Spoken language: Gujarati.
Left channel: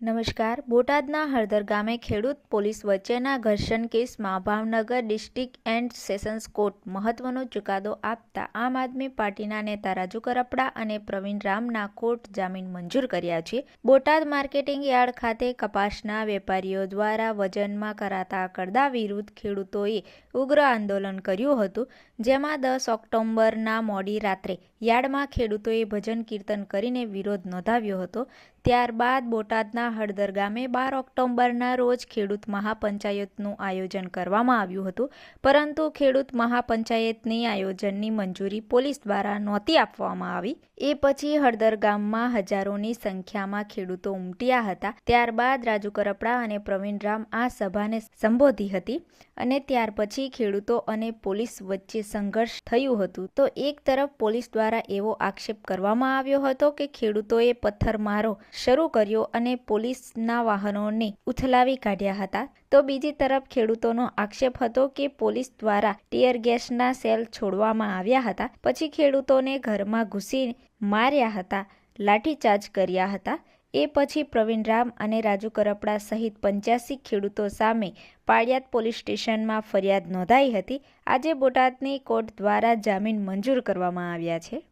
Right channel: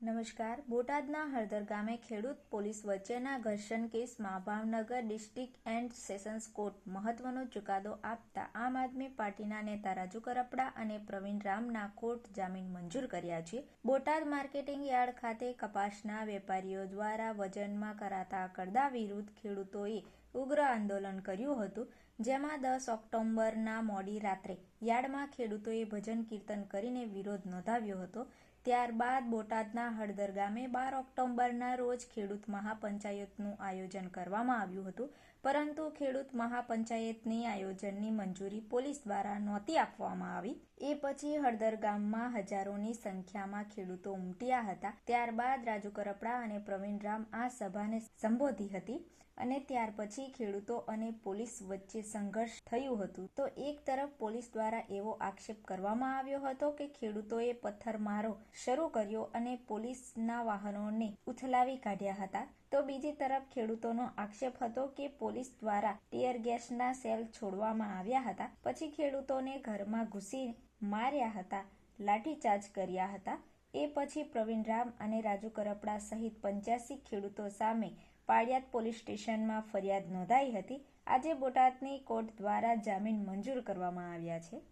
નમસ્કાર. બોટાદના હળદર ગામે ખેડૂત પોલીસ વચ્ચેના ઘર્ષણ કેસમાં Bhavnagar district and sessions court મહત્વનો ચુકાદો આપતા આમ આદમી પાર્ટીના નેતા રાજુ કરપડા અને પ્રવીણ રામના કોર્ટ જામીન મંજૂર કર્યા છે. બોટાદ માર્કેટિંગ યાર્ડ ખાતે કપાસના વેપારીઓ દ્વારા વજનમાં કરાતા કરદા વિરુદ્ધ ખેડૂતોએ ઉગ્ર આંદોલન કર્યું હતું, જેમાં દસ ઓક્ટોબરના મોડી રાત્રે યાર્ડમાં ખેડૂતોએ ભજન કીર્તન કરીને વિરોધ નોંધાવ્યો હતો. ત્યારબાદ બોટાદના હળદર ગામે બાર ઓક્ટોબરના રોજ ખેડૂત મહાપંચાયતનું આયોજન કરવામાં આવ્યું હતું. પરંતુ ખેડૂત મહાપંચાયતની આયોજનની મંજૂરી પોલીસ દ્વારા નહોતી આપવામાં આવી. એ પછી હળદર ગામમાં હજારોની સંખ્યામાં ખેડૂતો ઉમટ્યા હતા. ત્યારબાદ રાજુ કરપડા અને પ્રવીણ રામ આ સભાને સંબોધી હતી અને ત્યાર પછી ખેડૂતો અને પોલીસ વચ્ચે સંઘર્ષ થયું હતું. તો એક તરફ પોલીસ દ્વારા એવો આક્ષેપ કરવામાં આવ્યો હતો કે ખેડૂતોએ પથ્થરમારો શરૂ કર્યો અને પોલીસના વાહનોને ઉથલાવી કાઢ્યા હતા. તો બીજી તરફ ખેડૂતોનો આક્ષેપ હતો કે પોલીસ દ્વારા ટીયર ગેસના સેલ છોડવામાં આવ્યા હતા. પછી ખેડૂતોને ઘરમાં ઘૂસી માર્યા હતા, લાઠીચાર્જ કર્યા હતા. એ પછી પ્રવીણ રામ અને રાજુ કરપડા સહિત પંચ્યાસી ખેડૂતો સામે પાળિયાદ પોલીસ સ્ટેશનમાં ફરિયાદ નોંધાઈ હતી. આજે બોટાદની કોર્ટ દ્વારા જામીન મંજૂર કરવામાં આવ્યા છે.